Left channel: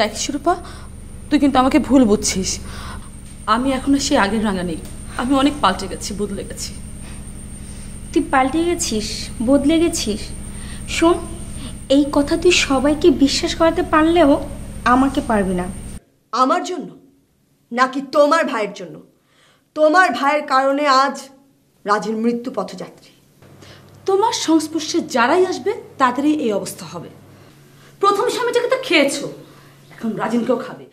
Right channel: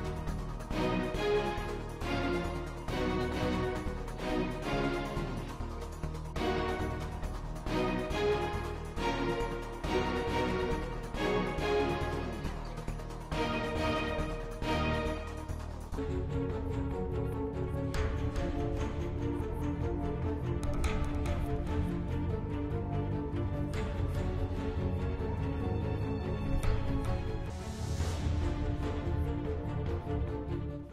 দেখ শিরূপা, তুই কিন্তু আমাকে ভুল বুঝছিস। আমি এখন আর সেই আগের রাঙা নেই, আমি অনেক পাল্টে গেছি, বদলে গেছি। তুই পাল্টে গেছিস, বদলে গেছিস? শোন, এই কথা তুই সবাইকে বিশ্বাস করাতে পারলেও আমাকে পারবি না। আমার জন্য নাকি তোমার ভাইয়ের জন্য? তোমার ভাইয়ের কারণে আজ রাজের মৃত্যু পথযাত্রী। তোমার সংস্পর্শে যারাই আসবে তাদেরই এই অবস্থা হবে। প্রথম স্বামীটাকে তো খেয়েছো, এখন রাজিনকেও খাবে।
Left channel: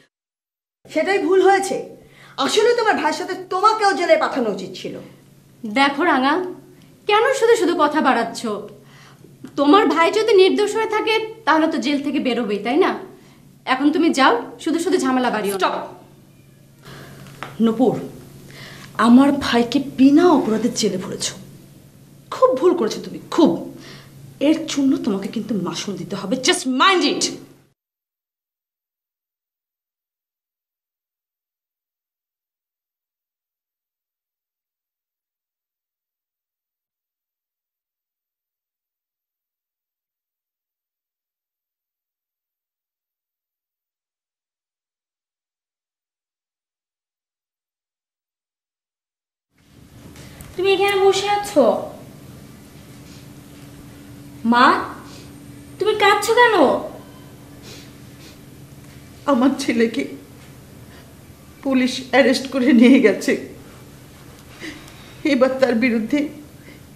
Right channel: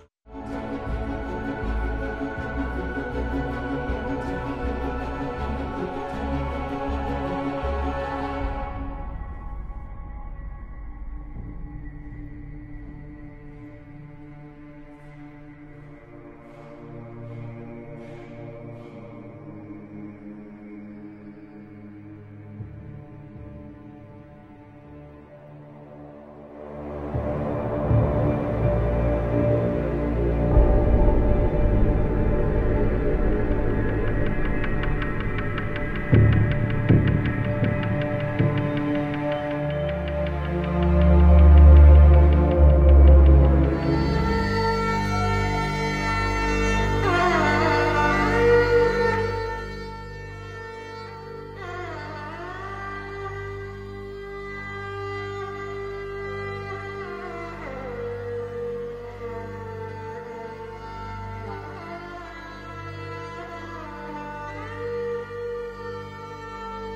সেটাই ভুল হয়েছে। আসলে তোমার ভাইয়ের সাথে তোমাকেও জেলে পাঠানো উচিত ছিল। দেখো রাঙা, কেন শুধু শুধু কথা বাড়াচ্ছ? তোমার ভাই যদি নির্দোষ হয়ে থাকে তাহলে তো জেল থেকে বেরোবেই, তাই না? এখন তুমি যাও, শুধু শুধু ঝামেলা বাড়িও। স্টপ নূপুর, আমার ভাইকে বিনা অপরাধে জেলে ভরেছো, খুব ভুল করেছো তুমি, খুব। এর জন্য তোমাকে কিন্তু মাসুল দিতে হবে, জাস্ট মাইন্ড ইট। তুমি এখানে বসে আছো? মা, তুমি কাঁদছো কেন? আমার ছেলেকে পুলিশ অ্যারেস্ট করে নিয়ে গেছে। এবার তার বিরুদ্ধে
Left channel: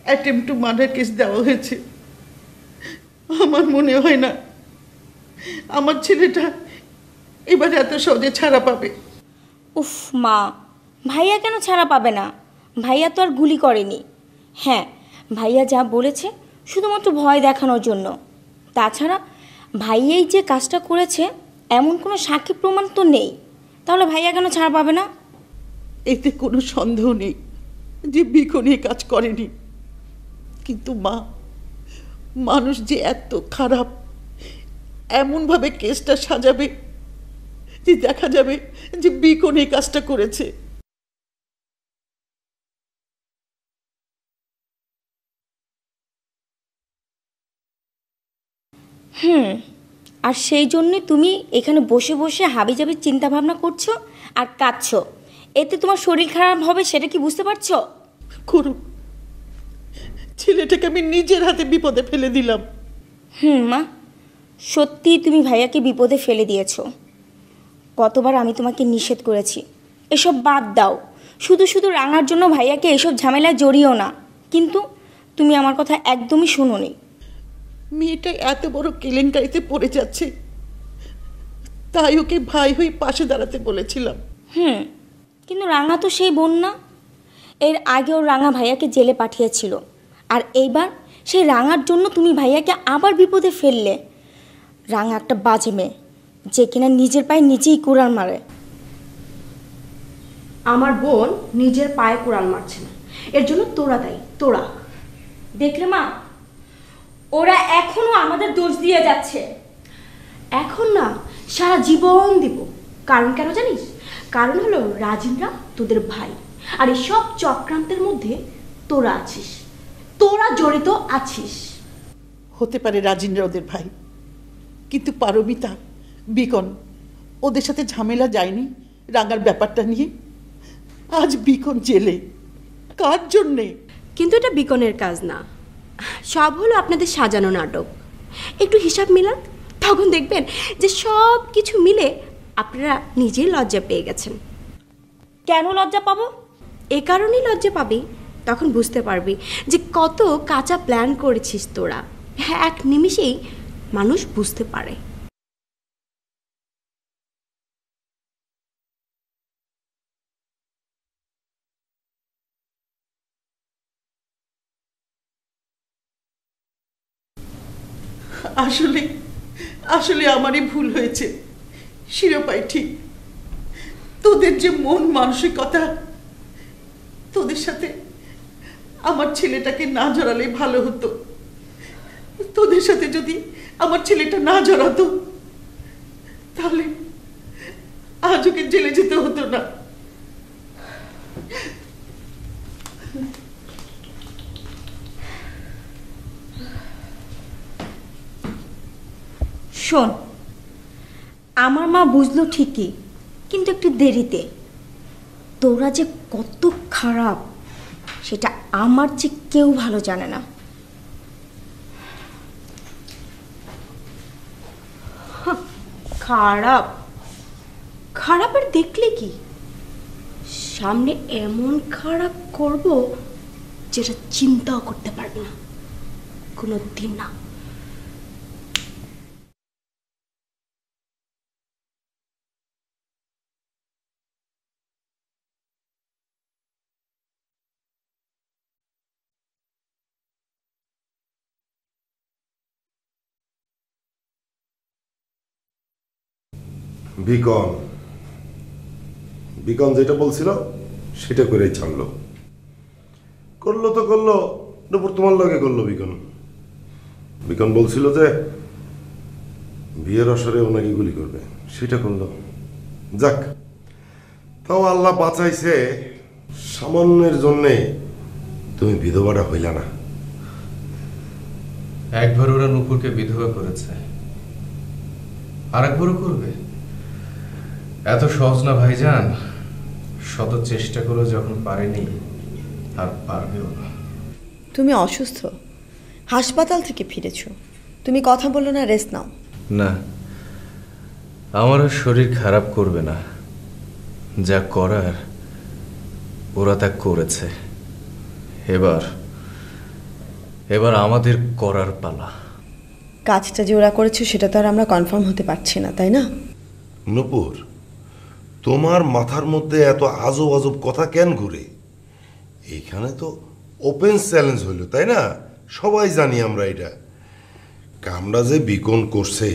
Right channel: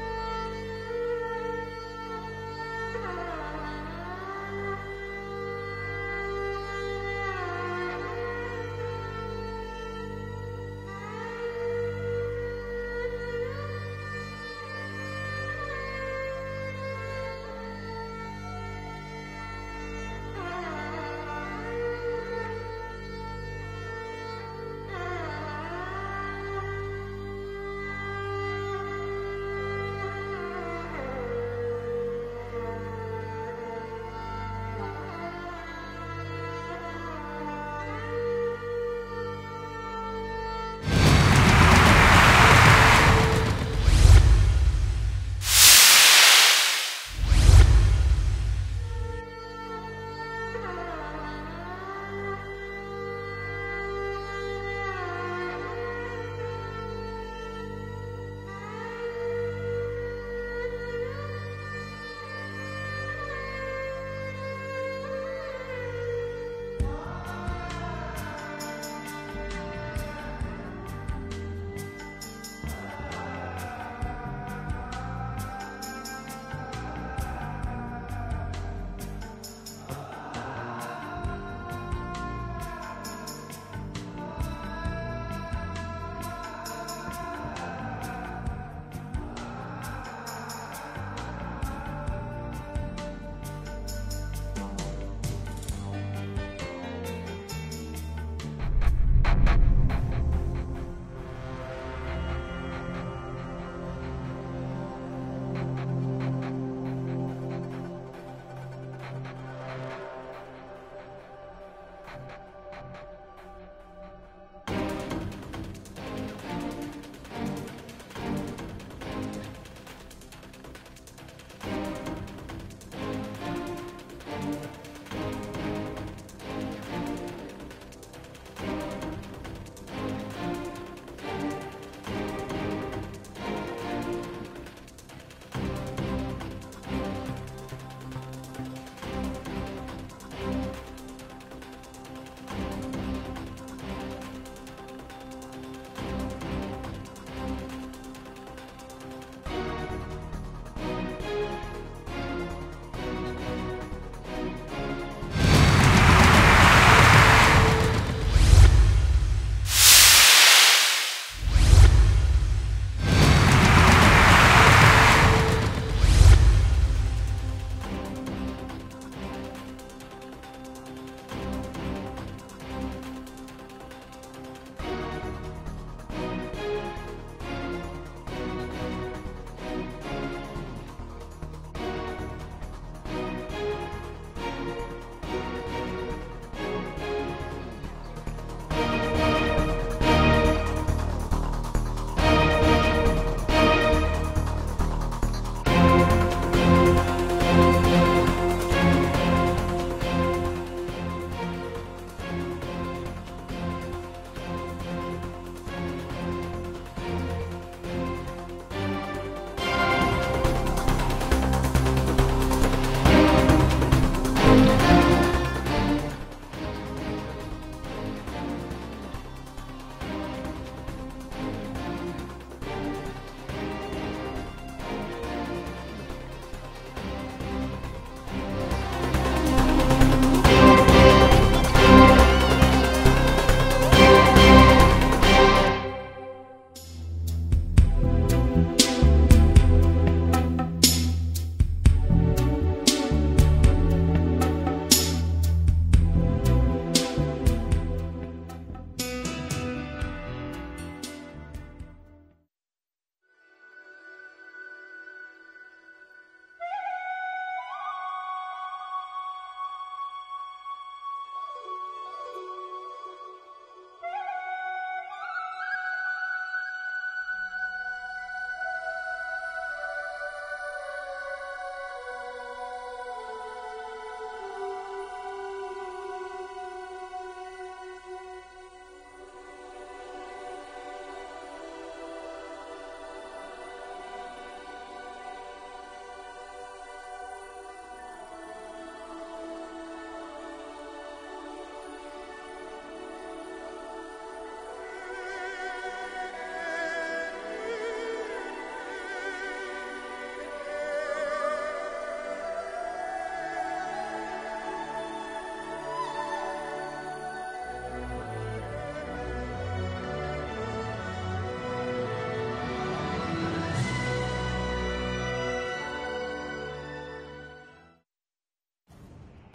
অ্যাটেম্পট টু মার্ডার কেস দেওয়া হয়েছে। আমার মনে হয় না আমার ছেলেটা এবার এত সহজে ছাড়া পাবে। উফ মা, ভাইয়া কেন ছাড়া পাবে না? ভাইয়া তো আর গুলি করেনি। হ্যাঁ, ভাইয়া যা বলেছে শুধুমাত্র ভয় দেখানোর জন্য। তাছাড়া ভাইয়াই যে কাজটা করেছে এমন কোনো সাক্ষী প্রমাণ তো নেই। তাহলে ভাইয়া কেন ছাড়া পাবে না? এতে কোনো সন্দেহ নেই যে বিকন এই কাজ করেনি। কিন্তু মা, মানুষ যে এত খারাপ, এমনভাবে কেসটা সাজাবে যে দেখা যাবে যে বিকন এই কাজটা করেছে। আর সেই জন্যই তুমি এখানে বসে বসে হাবিজাবি চিন্তা ভাবনা করছো আর কাঁদছো। এতে তোমার শরীর খারাপ হবে, সেটা কি বুঝতে পারছো? করুক, ছেলেটাকে আমি নিজের হাতে বিপদে ফেলে দিলাম। মা, সত্যি তুমি ভাইয়াকে বিপদে ফেলে দিয়েছো। কতবার আমি তোমাকে নিষেধ করেছি এসব বাদ দাও, শুধু শুধু রাঙার জন্য ভাইয়াকে এসব ঝামেলায় জড়িও না, কিন্তু তুমি আমার কথা একদমই শোনোনি। মেয়েটা এত বড় কেলেঙ্কারিতে পড়ে যাচ্ছে, তাই ওকে ভাই হয়ে পাশে দাঁড়াতে বলেছিলাম। কিন্তু রাঙা তো সেই বোন না। এর আগেও রাঙা ভাইয়াকে জেলে পাঠিয়েছিল, আর এইবার সেই রাঙার জন্য তুমি ভাইয়াকে আবার বিপদে ফেললে। রাঙা একটা বাজে মেয়ে, যে কিনা নিজের পায়ে নিজেই কুড়াল মারে। আমার বোন নিজের পায়ে কুড়াল মারছে, এর জন্য তোরা দায়ী, তোরা। দেখলে মা, ওরা এখনো আমাদের দোষ দিয়ে যাচ্ছে। এখন না, সারা জীবন দিব। কারণ কেন জানিস? কারণ হলো রাজিনরা তোদের ভাই, আর এই সব চক্রান্তের মধ্যে তোরা আছিস, তোরা জড়িত আছিস। হতে পারে রাজিনরা ওদের ভাই, কিন্তু পারমিতা, বিকন ওদের সাথে ঝামেলা যায়নি রাঙার ব্যাপারটা নিয়ে। আজ বিকন জেলে, কার জন্যে? কিন্তু এটা বিকনের কাজ না, সব হলো আপনাদের সাজানো নাটক। একটু হিসাব মিলান, তখন দেখবেন যে সব কিছু মিলে আপনারা নিজেই লজ্জা পেয়ে গেছেন। কেন লজ্জা পাবো? এ কারণেই লজ্জা পাবি, তখন বুঝতে পারবি যে কত কাঁচা প্ল্যান করেছিস তোরা। হ্যাঁ, এক নিমিষেই মানুষ বুঝতে পারে। আসলে আসলে আমারই ভুল হয়েছে। শিরোপাই ঠিক, তোদের যে মন মানসিকতা, তোদের সাথে আমার ছেলেটাকে না জড়ালে ভালো হতো। তোদের সাথে যদি আমার ছেলেটা না জড়াতো তাহলে আজ ওকে জেলে যেতে হতো না। শোন, আমার মা বুঝলো ঠিকই, কিন্তু একটু দেরিতে। তোরা যে কত খারাপ সেটা আমার চেয়ে কেউ ভালো জানে না। খারাপ? খারাপের দেখলে কি, সামনে এমন খারাপ করব যেটা চিন্তাও করতে পারবে না, কোনো দিন না। বিকন বিকন যেটা বলছিল সেটা করেই ছাড়লো। করলো তো করলো, দুপুর তোমার লগে করলো। বিকন বিকন বলছিল যে বিয়ের আসরে ওনাকে গুলি করবে, সেটা করলো। যাক, তাও আল্লাহ বাঁচাইছে, সামান্যের জন্যে তুমি বিধবাটা হইলা না। একবার ওরা নুপুরকে বিধবা করেছে, আর একবারও করবে। এত সহজ না ভাইজান, শত চেষ্টা করে যখন পারেনি আর পারবেও না। তুমি অসুস্থ, হাসপাতাল থেকে ফিরেছো, তুমি কথা বলো না, রেস্ট নাও। না, আমারও শরীর খারাপ করবে না, যা করার ওরা তা করেছে। এবার এবার আমাদের করার পালা। কাজটা যে ওরা করেছে সেটা তো আর আমরা কনফার্ম হতে পারছি না, তাই না? নূপুর, তোমার মাথার মধ্যে এত আজব আজব কথা কেন ঘুরে? এইখানে তো ওপেন চ্যালেঞ্জ হইল, তাই না? সবাই জানি আমরা এটা। কামটা যে বিকন করছে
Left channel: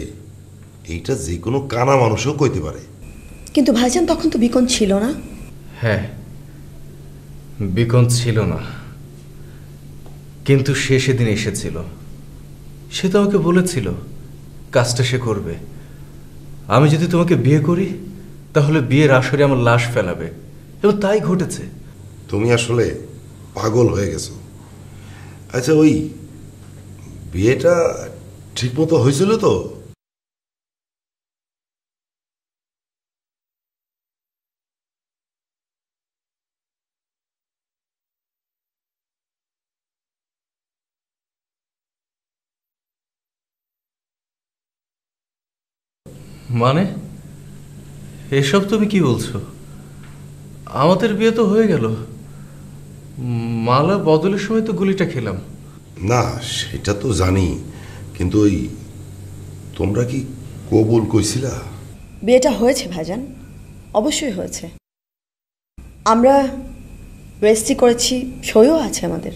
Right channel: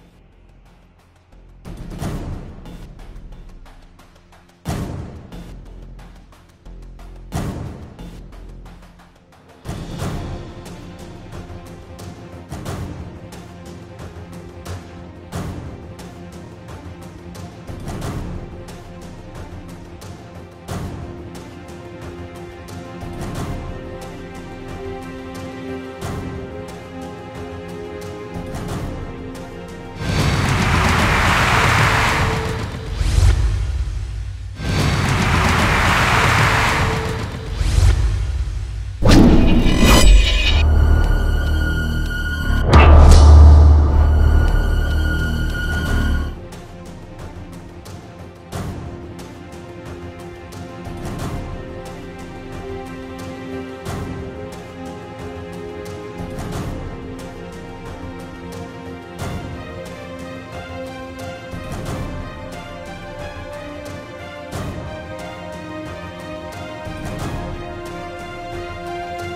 এইটা যে কোনো কানা মানুষও কইতে পারে। কিন্তু ভাইজান, তখন তো বিকন ছিল না। হ্যাঁ, বিকন ছিল না, কিন্তু সে সেদিন এসেছিল। সে তো আমাকে বলেছিল কাজটা সে করবে। আমি যদি তোমাকে বিয়ে করি তাহলে বিয়ের আসরে আমার লাশ ফেলাবে, এবং তাই ঘটেছে। তুমি আসলে পাগল হয়ে গেছো। আচ্ছা, ওই বিয়েটা ঠিক মতো হয়েছিল তো? মানে এসব তুমি কি বলছো? আমাদের বিয়ে তো হয়ে গেল, মালা বদলের সময় তো গুলিটা খেলাম। না, সেটা তো জানি, কিন্তু ওই তোমরা কি কবুল কইছিলা? বিয়েটা হয়েছে ভাইজান, অবশ্যই হয়েছে। আমরা রেজিস্ট্রি করেছি, সইও আছে আমাদের।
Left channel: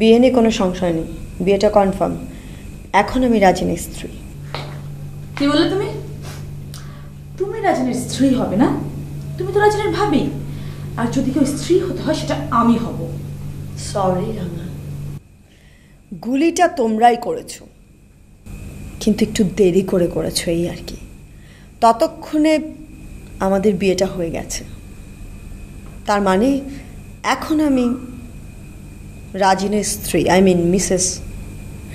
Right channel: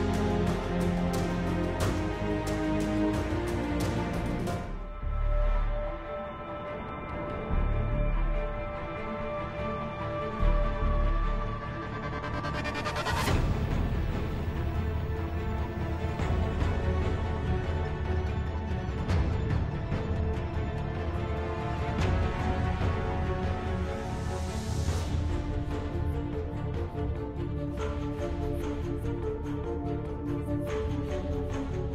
বিয়ে নিয়ে কোনো সংশয় নেই, বিয়েটা কনফার্ম। এখন আমি রাজিনীর স্ত্রী। কি বললে তুমি? তুমি রাজনের স্ত্রী হবে না? তুমি তো রাজনের ভাবি, আর যদি কেউ স্ত্রী হতে হয় সেটা আমি হব। সরি রানা, গুলিটা তোমরাই করেছো, কিন্তু একটু দেরি করে করেছো, এই আর কি। ততক্ষণে আমাদের বিয়েটা হয়ে গেছে, তার মানে এখন আমি রাজিনের স্ত্রী, I mean Mrs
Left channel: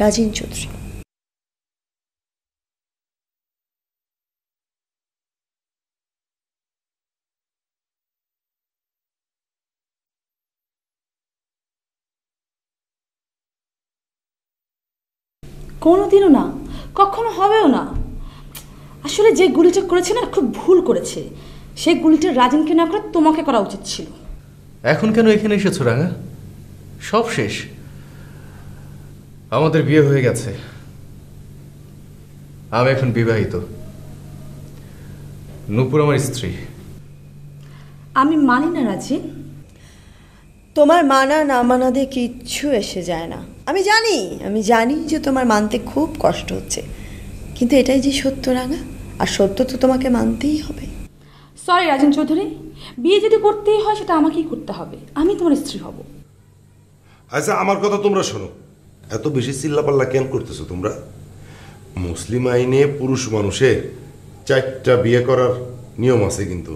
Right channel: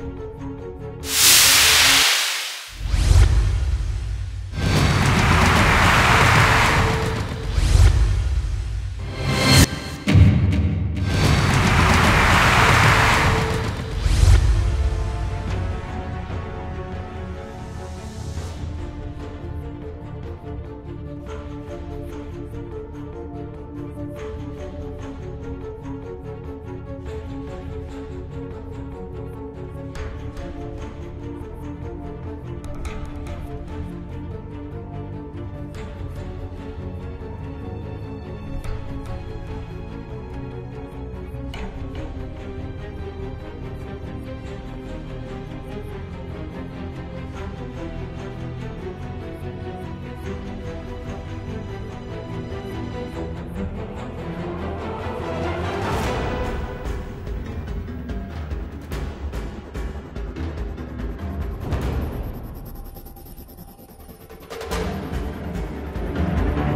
Rajin Chowdhury. কোনোদিনও না, কখনো হবেও না। আসলে যে গুলিটা করেছে না, খুব ভুল করেছে। সেই গুলিটা রাজনকে না করে তোমাকে করা উচিত ছিল। এখন কেন এখানে এসেছো রাঙা? সব শেষ, আমাদের বিয়ে হয়ে গেছে। আমি এখন বিবাহিত, নূপুর আমার স্ত্রী। আমি মানি না রাজি। তোমার মানা না মানা দিয়ে কিচ্ছু এসে যায় না। আমি জানি যে তোমার মানতে খুব কষ্ট হচ্ছে, কিন্তু এটাই যে সত্য রাঙা, আর সত্য তো তোমাকে মানতেই হবে। সরি রাজন চৌধুরী, বিয়ে যদি করতেই হয় সেটা আমাকেই করতে হবে। আমি তোমার স্ত্রী। আচ্ছা, আমার কথা তোমরা শোনো। এত বেশি চিল্লাপাল্লা কেন করতেছো তোমরা? মুসলিম আইনে পুরুষ মানুষের 4টা বিয়ে করার নিয়ম আছে, কিন্তু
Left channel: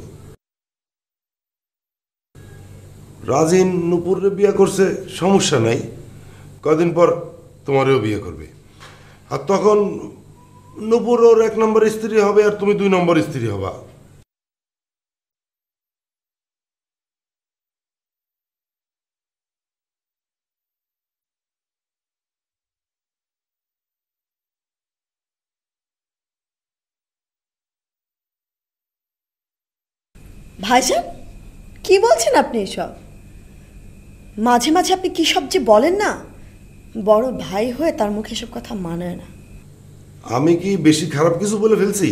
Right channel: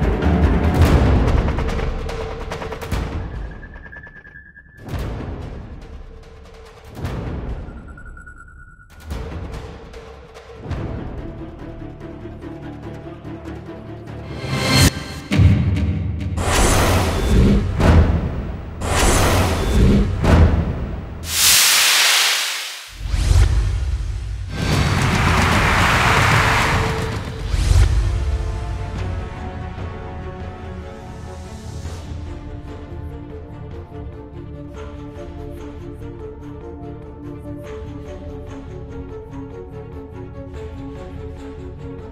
রাজিন নূপুরে বিয়ে করছে, সমস্যা নাই। কদিন পর তোমারও বিয়ে করবে, আর তখন নূপুর ওর 1 নম্বর স্ত্রী হবে আর তুমি 2 নম্বর স্ত্রী হবা। ভাইজান কি বলছেন আপনি এসব? মাঝে মাঝে আপনি কি সব যে বলেন না, বড় ভাই হয়ে তার মুখে এসব কথা মানায় না। আমি কি বেশি খারাপ কিছু বলে ফেলছি?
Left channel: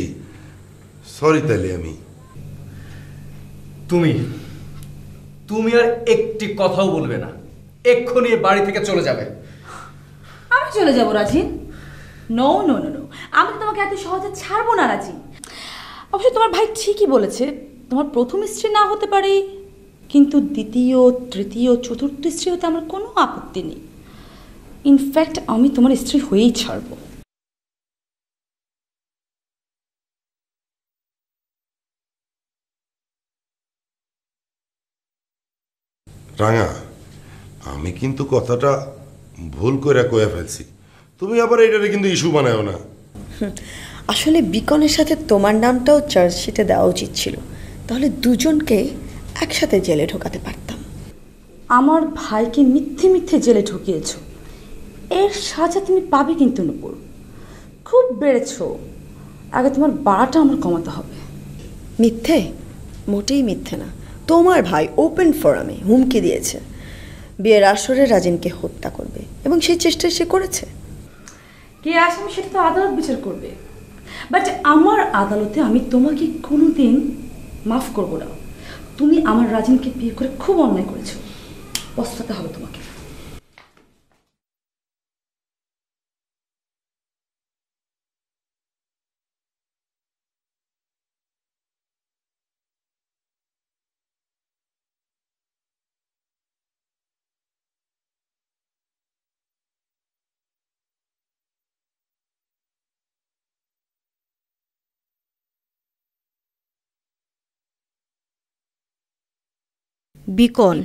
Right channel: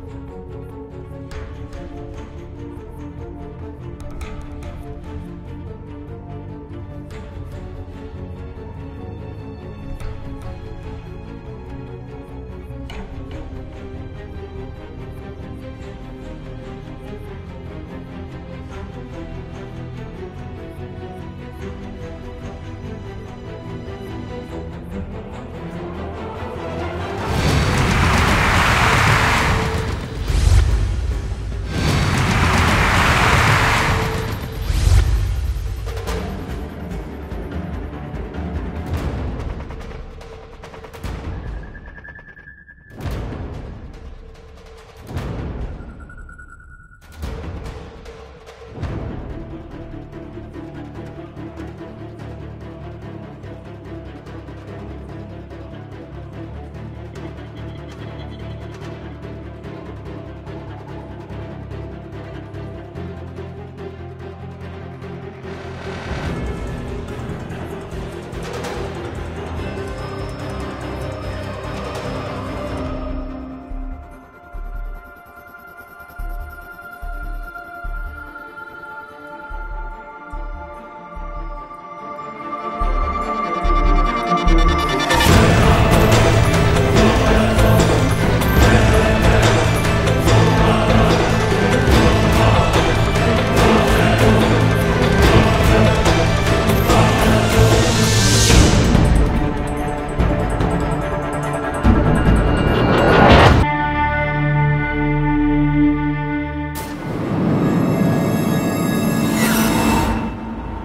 সরি তাইলে আমি। তুমি আর একটি কথাও বলবে না, এক্ষুনি এ বাড়ি থেকে চলে যাবে। আমি চলে যাব রাজি? নো নো নো, আমি তোমাকে এত সহজে ছাড়বো না রাজি। অবশ্য তোমার ভাই ঠিকই বলেছে, তোমার প্রথম স্ত্রী না হতে পারে, কিন্তু দ্বিতীয়, তৃতীয়, চতুর্থ স্ত্রী হতে আমার কোনো আপত্তি নেই। ইনফ্যাক্ট আমি তোমার স্ত্রী হয়েই ছাড়ব। রাঙা, আমি কিন্তু কথাটা ভুল করে কয়ে ফেলছি, তুমি আবার এটারে কিন্তু ইস্যু বানাও না। আসলে বিকনের সাথে তোমার নামটাও চার্জশিটে দেওয়া উচিত ছিল, তাহলে দুজনকে একসাথে জেলে ঢোকাতে পারতাম। আমার ভাইকে মিথ্যে মিথ্যে জেলে ঢুকিয়েছ, এর সাজা তুমি পাবে কিন্তু নূপুর। খুব বেড়েছ, আগে তোমার বাড়াটা আমার কমাতে হবে। মিথ্যে? মোটেই মিথ্যে না। তোমার ভাই ওপেন ফোরামে হুমকি দিয়েছে বিয়ের আসরে রাজিনকে হত্যা করবে, এবং সেই চেষ্টা সে করেছে। এই আসামি সে তো আদালত বিচার করবে, বাট আমার আদালতে আমি তোমাকে কোনোদিন মাফ করবো না। তুমি আমার রাজিনকে বিয়ে করে খুব অন্যায় করেছো, পস্তাতে হবে তোমাকে। বিকন,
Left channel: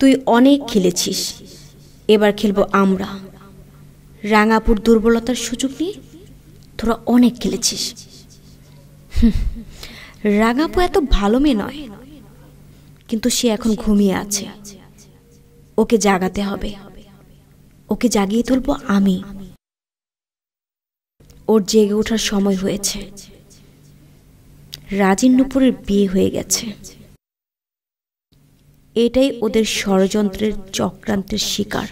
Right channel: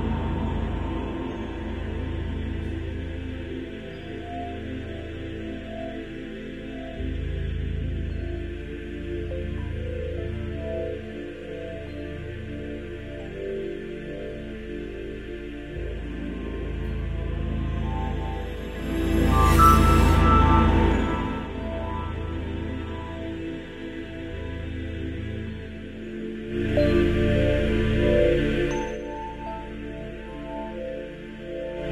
তুই অনেক খেলেছিস, এবার খেলবো আমরা। রাঙাপুর দুর্বলতার সুযোগ নিয়ে তোরা অনেক খেলেছিস। রাঙাপু এত ভালো মেয়ে নয়, কিন্তু সে এখন ঘুমিয়ে আছে। ওকে জাগাতে হবে, ওকে জাগিয়ে তুলবো আমি। ওর জেগে ওঠার সময় হয়েছে। রাজিন নূপুরের বিয়ে হয়ে গেছে, এটাই ওদের ষড়যন্ত্রের চক্রান্তের শিকার।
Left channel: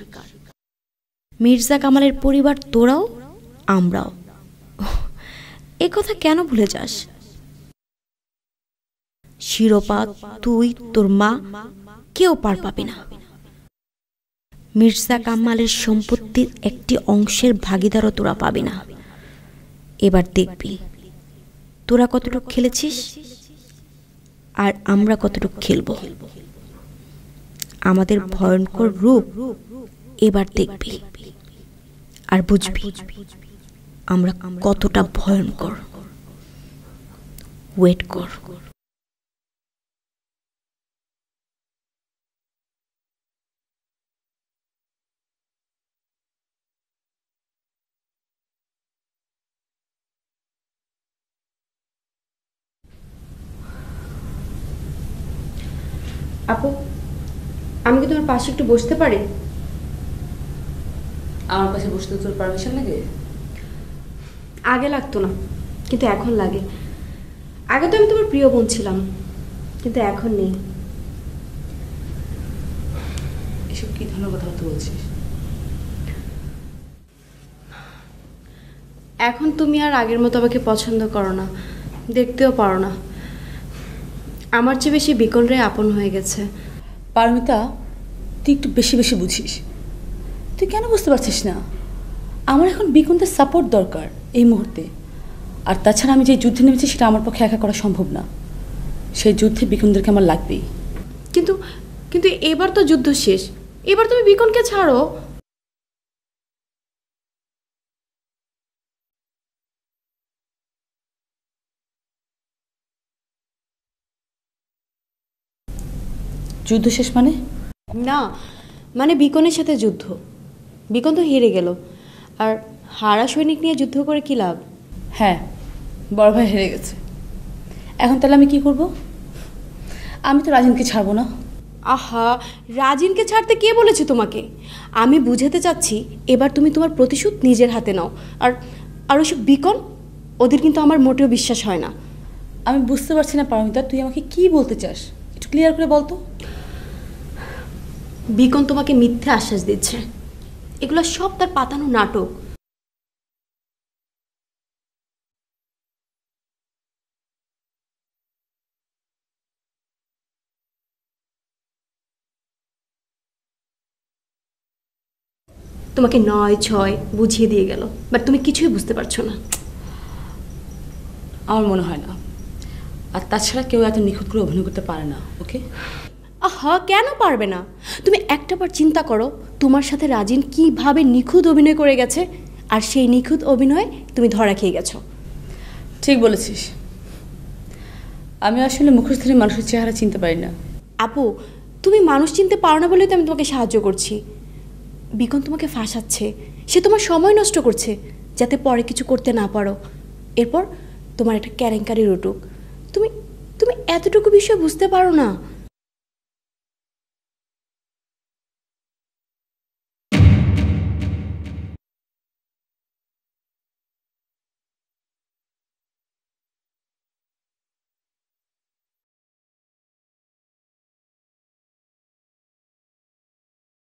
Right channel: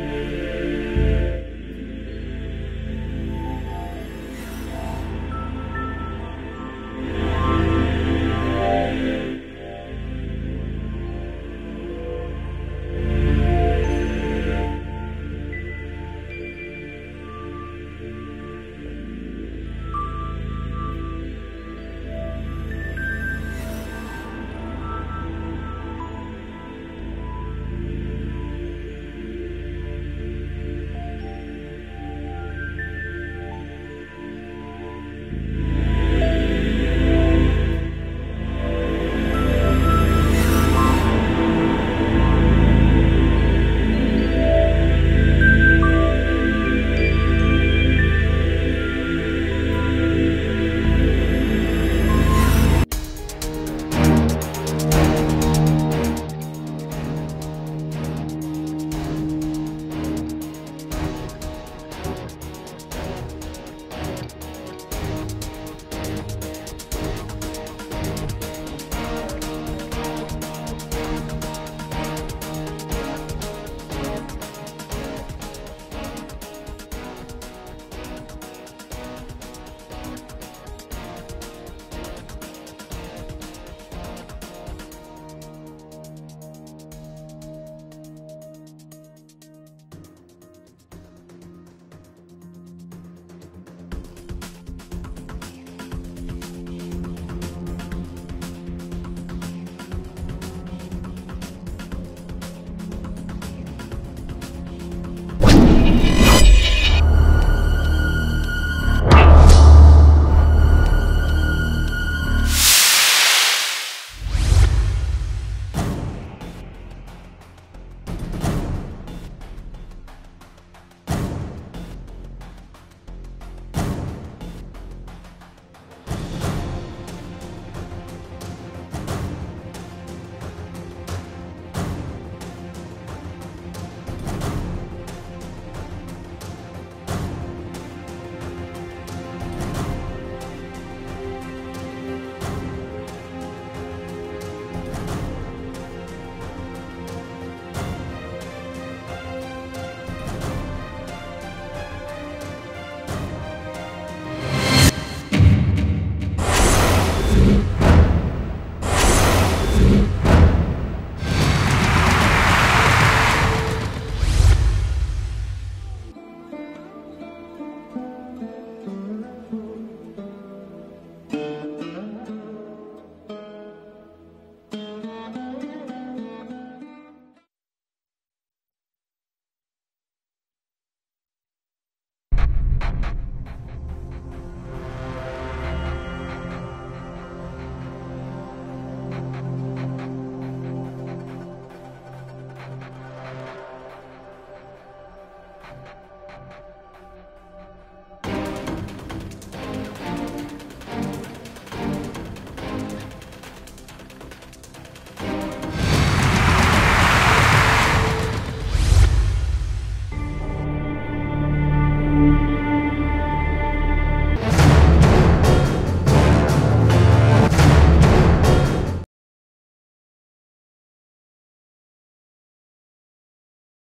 মির্জা কামালের পরিবার তোরাও, আমরাও। এ কথা কেন ভুলে যাস? শিরোপা তুই, তোর মা, কেউ পার পাবি না। মির্জা কামালের সম্পত্তির একটি অংশের ভাগিদারও তোরা পাবি না। এবার দেখবি তোরা কতটুকু খেলেছিস আর আমরা কতটুকু খেলবো। আমাদের ভয়ঙ্কর রূপ এবার দেখবি আর বুঝবি আমরা কতটা ভয়ঙ্কর। ওয়েট কর। আপু, আমি কি তোমার পাশে একটু বসতে পারি? আমার কাছে বসতে তোর পারমিশন লাগে? আগে লাগতো না, কিন্তু এখন লাগে। আগে তো আমি তোমার প্রিয় বোন ছিলাম, কিন্তু এখন নেই। এসব কি কেন কথা বলছি? এখন তুমি আর আগের মতো আমাকে পছন্দ করো না, দেখতেও পারো না। আমার চেয়ে বেশি বিকন রে আপন হয়ে গেছে। পারমিতা, তুই একটু বেশি বেশি বুঝিস। তুই কেন বুঝতে পারছিস না? আমার এখন বিকনদের সাপোর্ট দরকার এই মুহূর্তে। আর তাছাড়া আমি যে যুদ্ধে নেমেছি সেটা আমার পক্ষে একা করা সম্ভব না। সেই যুদ্ধে বিকনদেরকে আমার লাগবেই। কিন্তু কিন্তু এবার তো যুদ্ধ শেষ, এবার তুমি বিকনকে ছাড়ো। যুদ্ধ শেষ মানে? না, মানে বিকনের সাথে যুদ্ধ। বিকন তো হেরে গেল, আর হারা সৈনিক নিয়ে যুদ্ধ করে কি লাভ? হ্যাঁ, বড় ভাই হেরে গেছে। এখন তাহলে আমি কি করব? আমি তো রাজিনকে ছাড়বো না। আহা, রাজিনকে ছাড়তে কে বলেছে তোমাকে? আমি বুঝাতে চাচ্ছি এবার তুমি তোমার প্রতিশোধ নিজের হাতে নাও। আর আর ওইসব বিকন, ওদের কিন্তু আমার মোটেও বিশ্বাস হয় না। আমি বুঝতে পারছি না পারমিতা, তুই আমাকে কি বলতে চাস? একটু ক্লিয়ার করে বল তো। বিকন তোমাকে মিথ্যে আশ্বাস দিচ্ছে, এগুলো সব তার পাতানো নাটক। তোমাকে 9-6 বুঝিয়ে দিয়ে গেল, বাট তুমি কিছুই বুঝতে পারছো না। আমার মনে হয় না। আর তাছাড়া কেউ এত নিখুঁত করে অভিনয় করতে পারে না। ওকে? আহা, কেন পারবে না? তুমি একটাবার চিন্তা করো তোমার সাথে রাজিন কিভাবে নিখুঁত অভিনয় করে গেছে, আর সেই নিখুঁত অভিনয়ে তুমি ধরা খেয়ে গেছো। ঠিক বলেছিস। আমি আসলে মুখোশ ধরে মানুষের চেহারা চিনতে পারি না। আপু, তুমি মানুষ চিনতে পারো না বলেই তো আমি তোমাকে সাহায্য করছি। বিকন তোমাকে ফাঁসাচ্ছে, সে তোমার সময় নষ্ট করছে যাতে পরে কিছু করতে না পারো। এরপর তোমার একটা কেলেঙ্কারি উঠুক। তুমি তুমি এতটুকু বিষয় বুঝতে পারো না।